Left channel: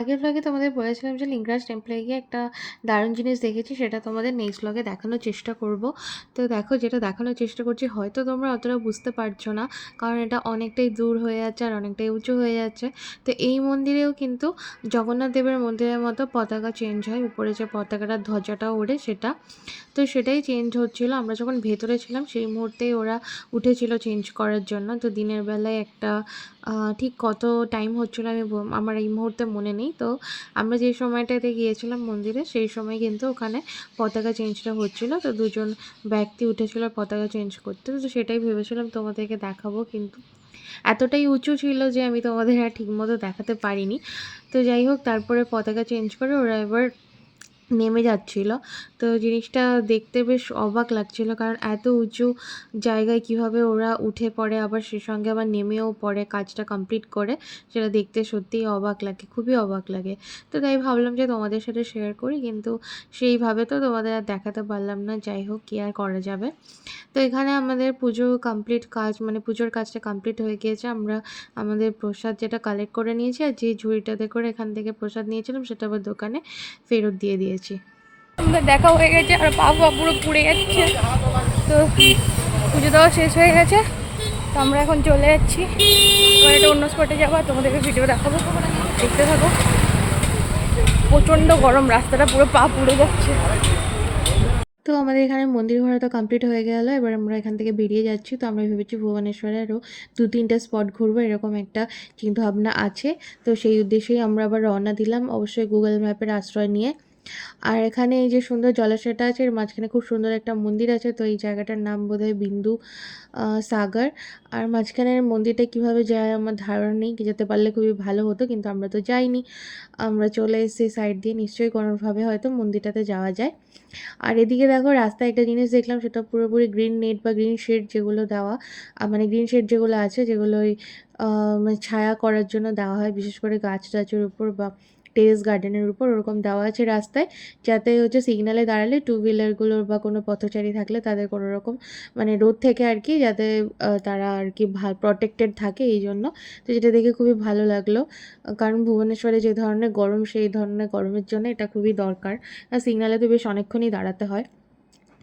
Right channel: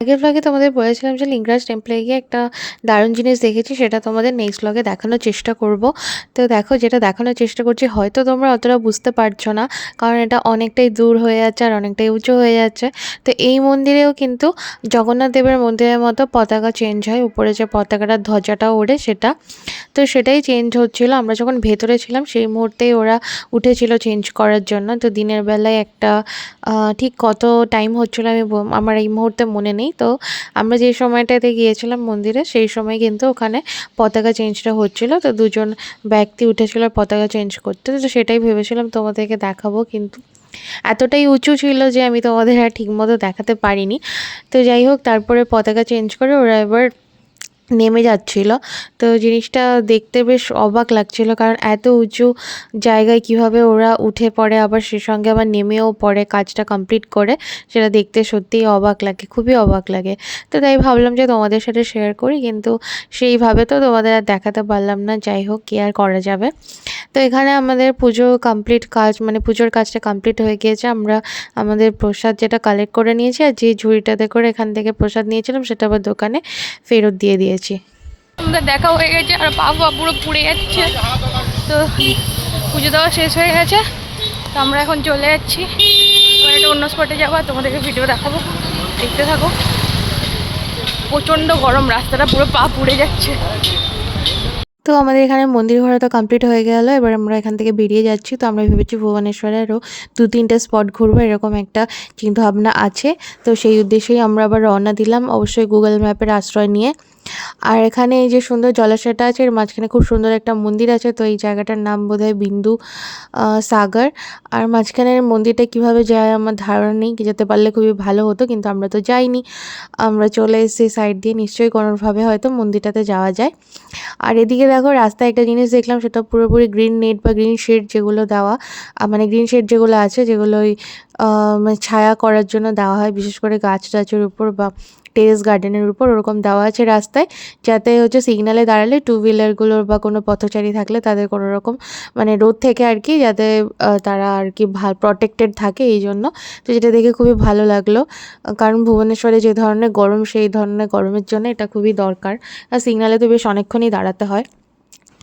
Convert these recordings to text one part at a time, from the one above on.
আগের ভ্লগে তোমাদের বলেছিলাম যে লিঙ্গরাজ টেম্পলে গিয়ে একটা দারুণ জিনিস দেখেছি, সেটা তোমাদের নেক্সট ভ্লগে দেখানোর চেষ্টা করব। তো দেখো, যেটা দেখানোর চেষ্টা করছি হয়তো তোমরা অতটা বুঝতে পারছো না, কারণ এটা অনেকটাই দূর হয়ে যাচ্ছে আর অনেকটাই উঁচু হয়ে যাচ্ছে। তো এই মন্দিরেও কিন্তু জগন্নাথ দেবের মন্দিরের মতো পতাকা চেঞ্জ হয়, উপরে যে পতাকাটা ধ্বজাটা ওড়ে সেটা, তো সেটাই চেঞ্জ হচ্ছিলো। আমরা যখন ভেতরে ছিলাম সেই মুহূর্তেই ওরা উঠেছিল চেঞ্জ করার জন্য। তো দিনের বেলায় একটা ঠিক কত টাইম হচ্ছিলো আমার এই মুহূর্তে মনে নেই। তো আমরা যে সময়টাতে গিয়েছিলাম মন্দিরে সেই সময় কিন্তু ওখানে পতাকা চেঞ্জটা হচ্ছিলো। তো দুজন ব্যক্তি উঠেছিল পতাকা চেঞ্জ করতে, তো সেটাই ভেবেছিলাম তোমাদেরকে দেখাবো, কিন্তু এতটাই উঁচু ছিল যে আমি তোমাদের আর ঠিকমতো দেখাতে পারিনি। তো যাই হোক, তারপরে পতাকা চেঞ্জ করে ওরা এবার নেমে যাচ্ছিল। তো জিনিসটা দেখতে বেশ অবাক লাগছিল, কারণ এত উঁচু জায়গায় কিভাবে ওরা উঠে পড়ে, আবার সে সঙ্গে আবার নেমেও পড়ে কাজটা কমপ্লিট করে, সেটা দেখতে সত্যিই অবাক লাগে, খুবই অবাক লাগে। তো তাই ভাবলাম যে তোমাদের সাথে শেয়ার করি, কিন্তু সেইভাবে তো তোমাদের আর দেখাতে পারলাম না। যাই হোক, কি আর করা যাবে। তো এখানে আমাদের পুজো কমপ্লিট কাজ, মানে পুজোর কাজটা কমপ্লিট হয়ে গিয়েছে। আমরা আমাদের প্রসাদ যেটা কালেক্ট করে নিয়েছি, আর যে ঝুড়িটাতে করে এখান থেকে প্রসাদ নিয়েছিলাম সেটা আবার দোকানে ফেরত দিয়ে দিয়েছি। আমাদের দেখা হয়ে গেছে আর পা পুরো পুড়ে যাচ্ছে। তো পুজো দেওয়া শেষ হয়ে গেছে, তো আমরা এখন চলে যাচ্ছি। এবার একটা অন্য স্পটে যাবো, তোমাদেরকে ভিডিও দেখাবো, দেখতে থাকো। প্রচণ্ড গরম, রাস্তাটা পুরো পা পুড়ে যাচ্ছে। তো আমাদের এখানে মন্দির ঘোরা তো কমপ্লিট হয়ে গেল, এবার আমরা এখান থেকে বেরিয়ে যাচ্ছি। তো আমরা ভেবেছি ভুবনেশ্বরে আরও 2-3টে স্পট ঘুরবো, এরকম একটা চিন্তাভাবনা আছে। তো সেই উদ্দেশ্যেই আমরা আবার রওনা দিলাম, অবশ্যই গুগল ম্যাপের আশ্রয় নিয়ে। আর এখানে এই যে সুন্দর জলাশয়টা আছে, এর মাঝখানে খুব সুন্দর একটা মন্দির আছে। তো এই জায়গাটার নাম বোধহয় বিন্দু সাগর। আর মাঝখানের মন্দিরটা কিভাবে যায় আমার ধারণা নেই, যেতে পারলে খুবই ভালো হতো, কিন্তু আমরা তো যাইনি। আমরা চলে এসেছি সাইড দিয়ে, নিশ্চয়ই কোনোভাবে হয়তো মন্দিরটাতে যাওয়া যায়। আর এদিকে দেখো, রাস্তায় একটা জিনিস দেখলাম, সেটা পুরোপুরি গ্রিন নেট বা গ্রিন শেড যেগুলো দেওয়া, মানে গ্রিন শেড যেগুলো আছে, যেগুলো ওই মানে ছায়া করার জন্য দেওয়া হয়, বিশেষ করে গাছ টাছের উপর বা টেরেস গার্ডেনের উপর, ওরকম দেওয়া আছে রাস্তায়, যাতে হচ্ছে সিগনালে দাঁড়ালে টু হুইলারগুলোর বা কোনো পথচারী থাকলে তাদের কোনো রকম মানে রোদ থেকে আর কি, যাতে তারা আর কি প্রটেক্টেড থাকে এই জন্য। তো যেটা দেখে খুবই ভালো লাগলো, কারণ ভুবনেশ্বরে যে ধরনের গরম, সেই ধরনের গরমের জন্য এটা খুবই দরকার। আর সিগনালে তো বেশ অনেকক্ষণই দাঁড়াতে হয়।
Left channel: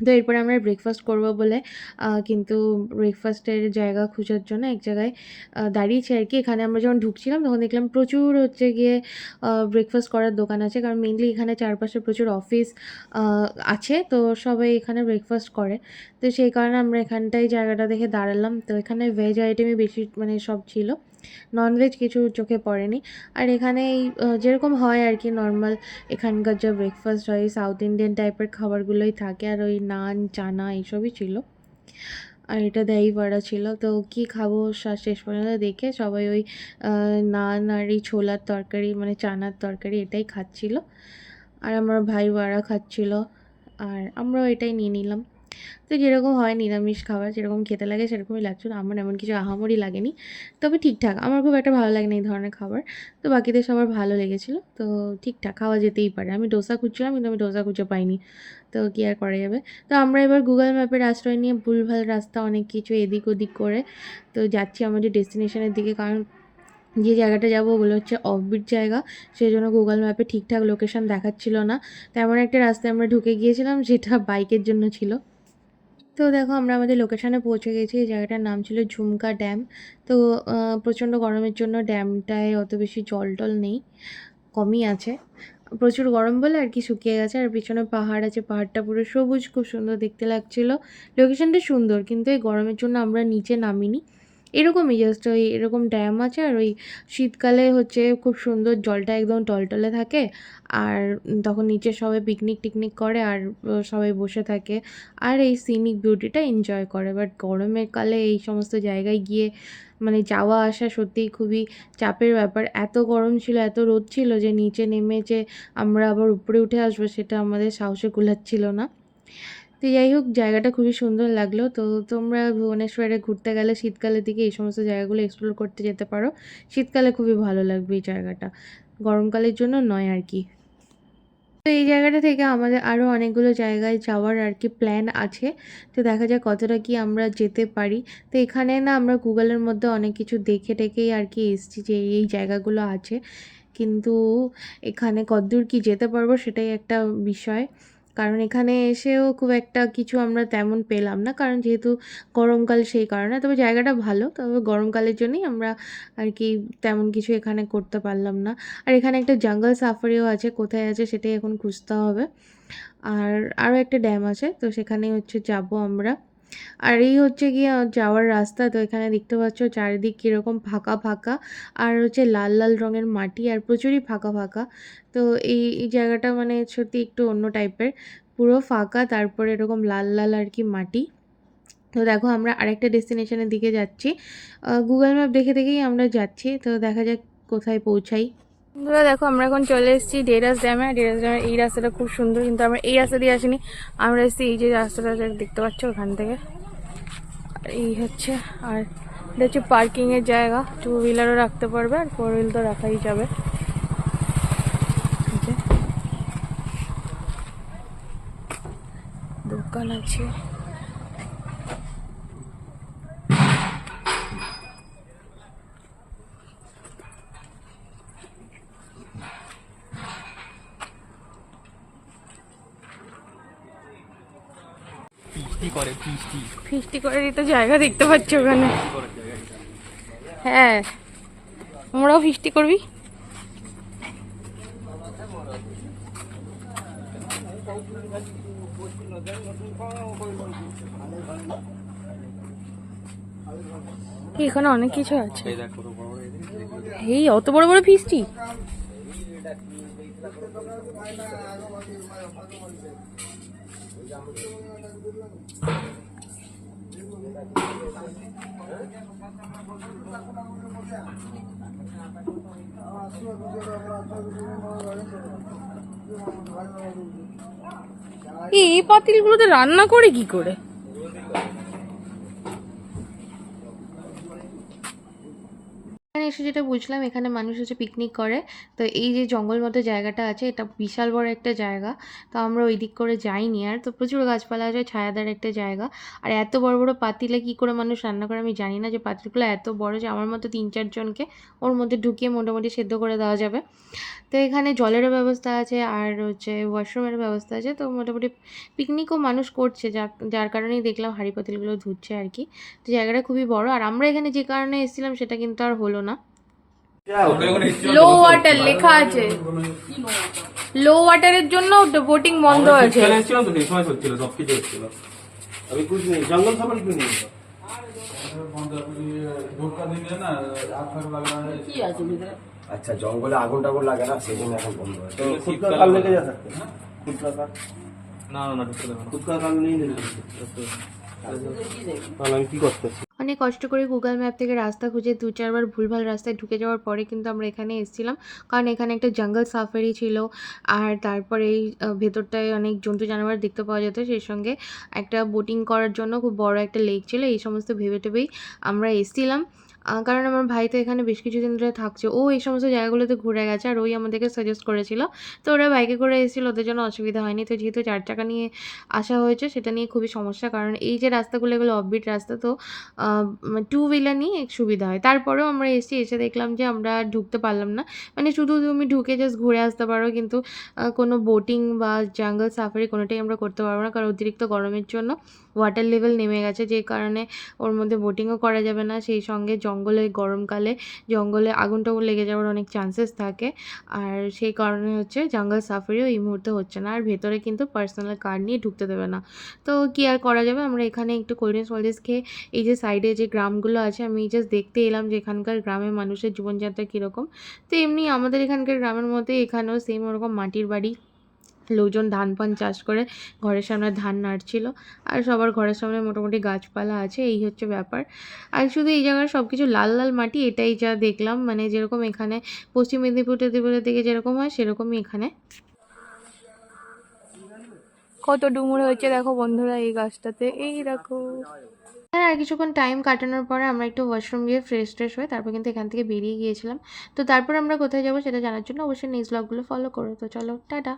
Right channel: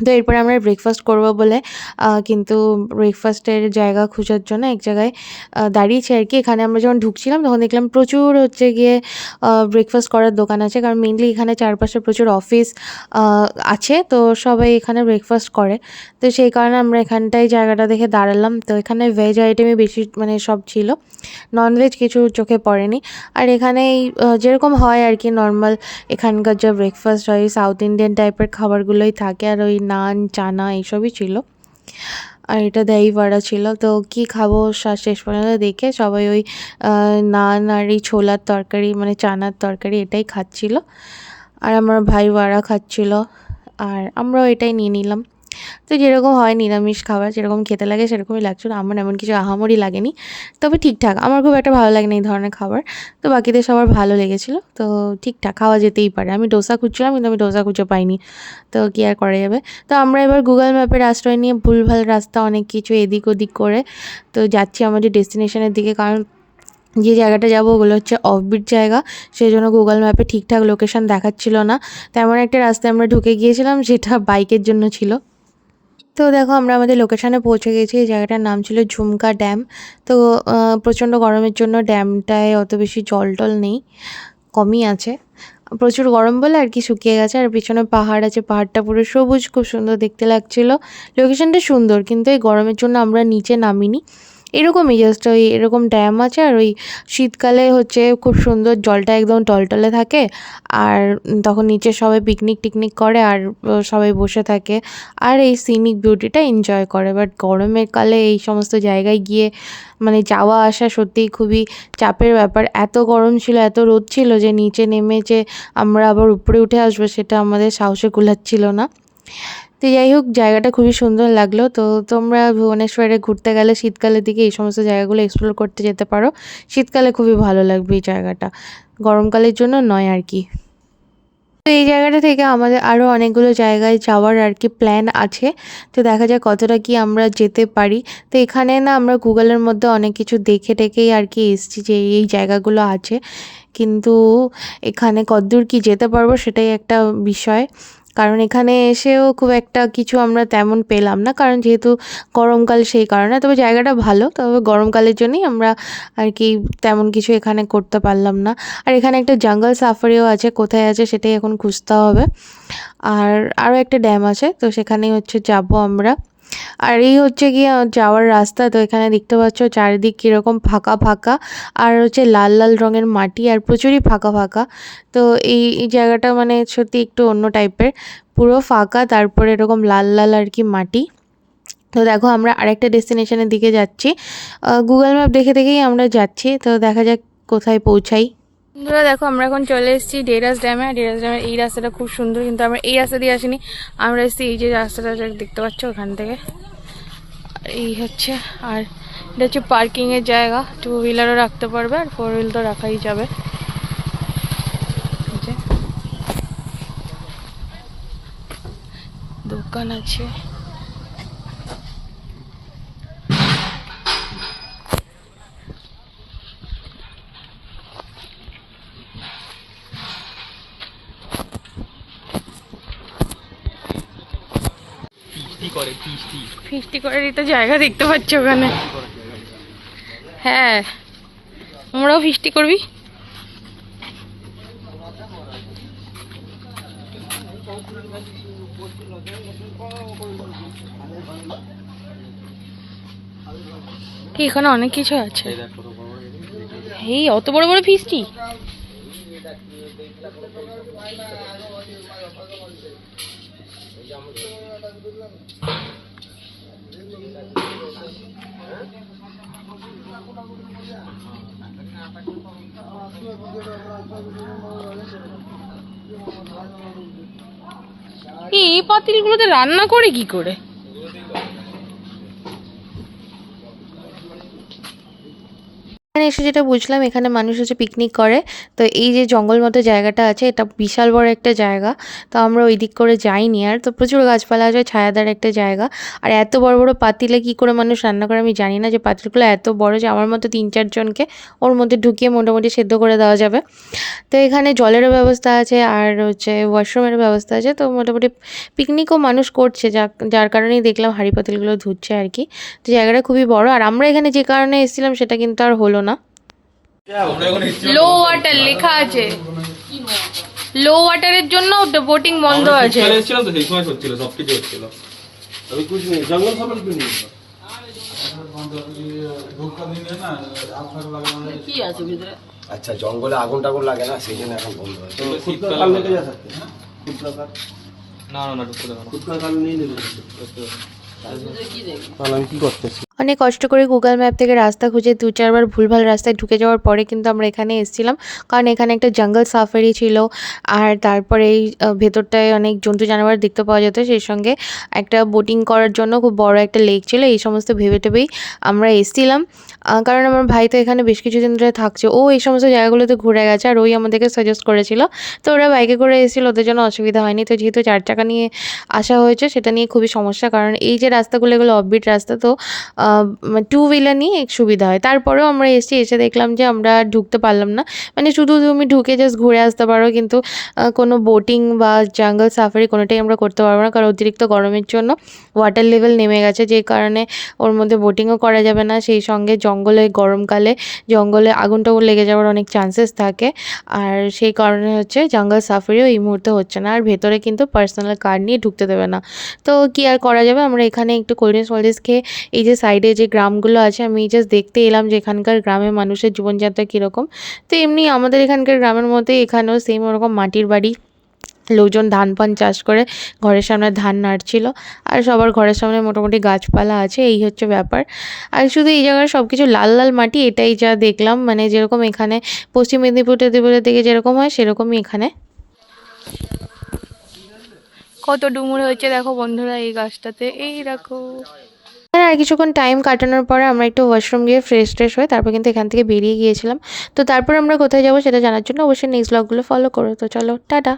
তো এরপরে আমরা ব্রেকফাস্ট করবো বলে কিন্তু ব্রেকফাস্টের জায়গা খোঁজার জন্য এক জায়গায় দাঁড়িয়েছি আর কি। এখানে আমরা যখন ঢুকছিলাম তখন দেখলাম প্রচুর হচ্ছে গিয়ে ব্রেকফাস্ট করার দোকান আছে, কারণ মেনলি এখানে চারপাশে প্রচুর অফিস আছে, তো সবাই এখানে ব্রেকফাস্ট করে। তো সেই কারণে আমরা এখানটায় জায়গাটা দেখে দাঁড়ালাম। তো এখানে ভেজ আইটেমই বেশি মানে সব ছিল, ননভেজ কিছু চোখে পড়েনি। আর এখানেই যেরকম হয় আর কি নর্মাল, এখানকার যা ব্রেকফাস্ট হয় সাউথ ইন্ডিয়ান টাইপের খাবারগুলোই থাকে, আর ওই নান চানা এইসবই ছিল। আর এটা দই বড়া ছিল। তো কি খাবো শেষ পর্যন্ত দেখে সবাই ওই নান আর এই ছোলার তরকারি, মানে চানার তরকারি, এটাই খাচ্ছিল। আর আমার ভাই বড়া খাচ্ছিল, আর আমরাও এটাই নিয়ে নিলাম। তো যেরকম হয় নিরামিষ খাবার যেরকম খেতে লাগে সেরকমই লাগছিল, আমার এমন কিছু আহামরি লাগেনি, তবে ঠিকঠাক। আমার খুব একটা ভালো লাগে না এই ধরনের খাবার, তো বাকিদের সবার ভালো লেগেছিলো। তো ঠিকঠাক, খাওয়া যেতেই পারে। আমি ডোসা খুঁজছিলাম, কিন্তু আমি ডোসা খুঁজে পাইনি, তো কী আর করা যাবে। তো আমরা এবার গুগল ম্যাপের আশ্রয় নিয়ে ভুলভাল রাস্তা অনেক কিছু এদিক ওদিক করে তো যাচ্ছি আমাদের ডেস্টিনেশনের দিকে, কারণ যে জায়গাটা যাবো ওগুলো হচ্ছে অফবিট জায়গা, সেই জন্য গুগল ম্যাপে ঠিকঠাক লোকেশন দেখাচ্ছিল না। তেমন একটা রাস্তায় আমরা ঢুকে গিয়েছিলাম যেটা বাইকের জন্য ছিল। তো দেখো, আমরা আমাদের লোকেশানে পৌঁছে গেছি। এই জায়গাটার নাম ছিল ঝুমকা ড্যাম। তো প্রচণ্ড গরমের জন্য ড্যামটায় অত বেশি জল টল নেই, কমই আছে। প্রচুর গরম বলে আর কি শুকিয়ে গেছে, আর পিছনে পাহাড় আছে, পাহাড়টা পুরো সবুজ, খুব সুন্দর দেখতে লাগছিল। লোকেশানটা সুন্দর, কিন্তু এই গরমের জন্য আমরা নিচে নামিনি। এরকমই জাস্ট ওই এরকম ড্যাম আছে, আর ওই শীতকালে হচ্ছে খুব সুন্দর, জলটা একদম টলটলে থাকে, আর তখন নিচে সবাই পিকনিক টিকনিক করে, আর সবাই বসে থাকে আর এই সিনিক বিউটিটা এনজয় করে। বাট গরমের কালে এই সমস্ত জায়গায় গিয়ে মানে যাওয়া আসা সত্যিই খুবই চাপের ব্যাপার। এত গরম ছিল, এত রোদ ছিল যে নিচে নেমে যে আমরা আবার উপরে উঠে আসবো সেটা আমাদের সাহসে কুলাচ্ছিল না। তো যাই হোক, জায়গাটা খুবই সুন্দর লাগলো। তো তোমরা ভুবনেশ্বরে ঘুরতে গেলে শীতকালের দিকে এই সমস্ত জায়গাগুলো এক্সপ্লোর করতে যেতে পারো, শীতকালে খুবই ভালো লাগবে এই জায়গাটা, গরমকালের জন্য নয় আর কি। তো এই জায়গাটা থেকে আমাদের আরও অনেকগুলো জায়গায় যাওয়ার আর কি প্ল্যান আছে, তো দেখা যাক কতটা কি আমরা যেতে পারি। তো এখানে না আমরা গুগলের মধ্যে অনেক কিছু দেখে টেকেই আর কি এসেছি যে এই জায়গাগুলো আছে, কিন্তু এখানে কতদূর কি যেতে পারবো সেটাই একটা বিষয়, কারণ এখানে এসেও খুব একটা কিছু আমরা তেমন পেলাম না, কারণ যেহেতু গরমকাল সেই কারণে। তবে জায়গাটা ভালো, তবে গরমকালের জন্যই আমরা আর কি তেমন কিছু এখানে করতে পারলাম না। আর এখানে একটা জঙ্গল সাফারিও আছে, কোথায় আছে সেটাই এখন খুঁজতে হবে। আর আরও একটা ড্যাম আছে, তো সেখানেই হচ্ছে যাব আমরা। আর এই হচ্ছে গিয়ে যাওয়ার রাস্তা। তো এখানে দেখতে পাচ্ছ চারিদিক কীরকম ফাঁকা ফাঁকা, আর হচ্ছে লাল লাল রঙের মাটি আর প্রচুরই ফাঁকা ফাঁকা। তো এই জায়গাটা মানে সত্যি একটু অন্য টাইপের, পুরো ফাঁকা, তারপরে এরকম লাল লাল আর কি মাটি। তো দেখো আমরা আরেকটা ডেস্টিনেশনের দিকে যাচ্ছি, গুগল ম্যাপ দেখে দেখেই আমরা যাচ্ছি। তো দেখা যাক কোথায় পৌঁছাই। বন্ধুরা দেখো আমরা এখন চলে এসেছি ডেরাস ড্যামে। ডেরাস ড্যামের এই রাস্তাটা খুব সুন্দর, কিন্তু আমরা এই রাস্তা দিয়ে আসিনি, আমরা এসেছি এই যে রাস্তাটা দেখতে পাচ্ছ ওখান থেকে। এই হচ্ছে, আর এটা হচ্ছে পার্কিংয়ের জায়গা, 2 হুইলারও রাখতে পারবে আর 4 হুইল তো রাখাই যাবে। এই যে দোকান আছে। ফিস্টি করে দিতে জায়গা দেখতে পাচ্ছ ওখানে। হ্যাঁ আমরাও ফিস্টি করবি। কি এখানে অনেক কিছু আছে, এই অত বড় বড় ফিস্টি। এই পাতিলগুলোতে রান্না করে কি করে? এখানে এসে যেটা বুঝলাম, এখানে মানুষ হচ্ছে পিকনিক করে। তো এই যে জঙ্গল মতো জায়গাটা আছে, এটা বিশাল বড় একটা জায়গা। তো আমরা ওই দিক করে যাইনি আর। তো প্রচুর গাছপালা আছে, ছায়াদার একটা জায়গা। আর এত বড় বড় পাতিলে কি করে মানুষ রান্না করে আমি জানি না, যে পাতিলগুলো এত বড় যে আমার মতো 3-4 জনকে ওর মধ্যে ঢুকিয়ে মোটামুটি সেদ্ধ করে দেওয়া যাবে। তো এখানে জলেরও ব্যবস্থা আছে আর হচ্ছে ওয়াশরুমেরও ব্যবস্থা আছে। তো মোটামুটি পিকনিকও মানুষ করছে, যার কারণেই দেখলাম হাঁড়ি পাতিলগুলো ধুচ্ছে আর কি। তো জায়গাটা খুবই বড়। আর আমরা এখানে যে কারণে এসেছিলাম সেটা কিন্তু আর হলো না। লো ওয়াটার লেখা আছে, লো ওয়াটারের জন্য বোটিং বন্ধ আছে। আচ্ছা জঙ্গলে আগুন টাগুন লাগে না সেই জন্য এখন বন্ধ হয়। আমি কি করতেছি, অনেক কষ্ট করে গুগল ম্যাপ থেকে রাস্তা খুঁজে 2-4 বার ভুলভাল রাস্তায় ঢুকে যাওয়ার পরে কিন্তু আমরা এখানে এসেছিলাম, কারণ এখানে একটা জঙ্গল সাফারি ছিল। আর তারপরে এই ভেতরটায় অনেক জন্তু জানোয়ার দেখতে পাওয়া যেত, সেই সঙ্গে একটা বোটিং করার জন্য খুব বড় একটা লেক ছিল। এই সমস্ত ভেবে টেবেই আমরা এসেছিলাম, কারণ আমার ভাই তো এখানে বেশ কিছুদিন ধরে থাকছে, ও এই সমস্ত জায়গাগুলোতে ঘুরে গেছে আর ওই আমাদেরকে সাজেস্ট করেছিল। তো ওরা বাইকে করে এসেছিলো, ওদের জন্য অসুবিধা হয়নি। তো যেহেতু 4 চাকা নিয়ে আসা হয়েছে, সেটা নিয়ে খুবই সমস্যা, কারণ এই যে রাস্তাগুলো এগুলো অফবিট রাস্তা, তো 2 হুইলার নিয়ে এক সুবিধা হয়। তারপরেও আমরা এসে দেখলাম যে আমরা ঢুকতে পারলাম না, মানে শুধু তুমি ঢুকে জাস্ট ঘুরে আসতে পারো, কিন্তু কোনো বোটিং বা জঙ্গল সাফারি কোনোটাই আমরা করতে পারবো না, কারণ অতিরিক্ত গরমের জন্য ওয়াটার লেভেল নেমে গেছে, যে কারণে ওর মধ্যে বোটিংও করা যাবে না। সেই সঙ্গে জঙ্গলে গরমকালে জঙ্গলে আগুন টাগুন লেগে যাওয়ার অনেক চান্সেস থাকে, আর সেই কারণে হচ্ছে জঙ্গল সাফারিও এই মুহূর্তে হচ্ছে না। আর ভেতরে কিন্তু পার্সোনাল কার নিয়ে ঢুকতে দেবে না। তো কি আর করা যাবে, আমরা এখানে একটু কোল্ড ড্রিঙ্কস খেয়ে এই যে সাইডে যে গ্রামগুলো আছে, আমি জাস্ট দেখতে এলাম যে এখানকার গ্রামের মানুষের জীবনযাত্রা কীরকম। তো এমনি আমাদের এখানকার গ্রামের মধ্যে এখানেও সেম ওরকম মাটির বাড়ি, লোকজন ধান পান চাষ করে ঘরের সামনে ধান নাড়ছিল, আর সবার ঘরের সামনে মোটামুটি গাছপালা আছে, এই হচ্ছে ব্যাপার। আর শুধু এই জায়গায় সব কিছু লাল লাল মাটি, এটাই যা দেখলাম, মানে যেরকম এখানে পশ্চিম মেদিনীপুরের দিকে যেরকম হয় সেরকমই এখানে। কত ডুমুর হয়েছে দেখো বন্ধুরা এই গাছটাতে, এই দেখো। আর কিছুক্ষণ টাইম কাটানোর পরে আমরা একটু ওয়াশরুম গিয়ে ফ্রেশ হয়ে তারপর কিন্তু এখান থেকে বেরিয়ে গিয়েছিলাম। তো তারপর আমরা কোথায় যাবো সেটা জানার জন্য অবশ্যই নেক্সট ব্লগগুলো ফলো করো। তো চলো, টাটা।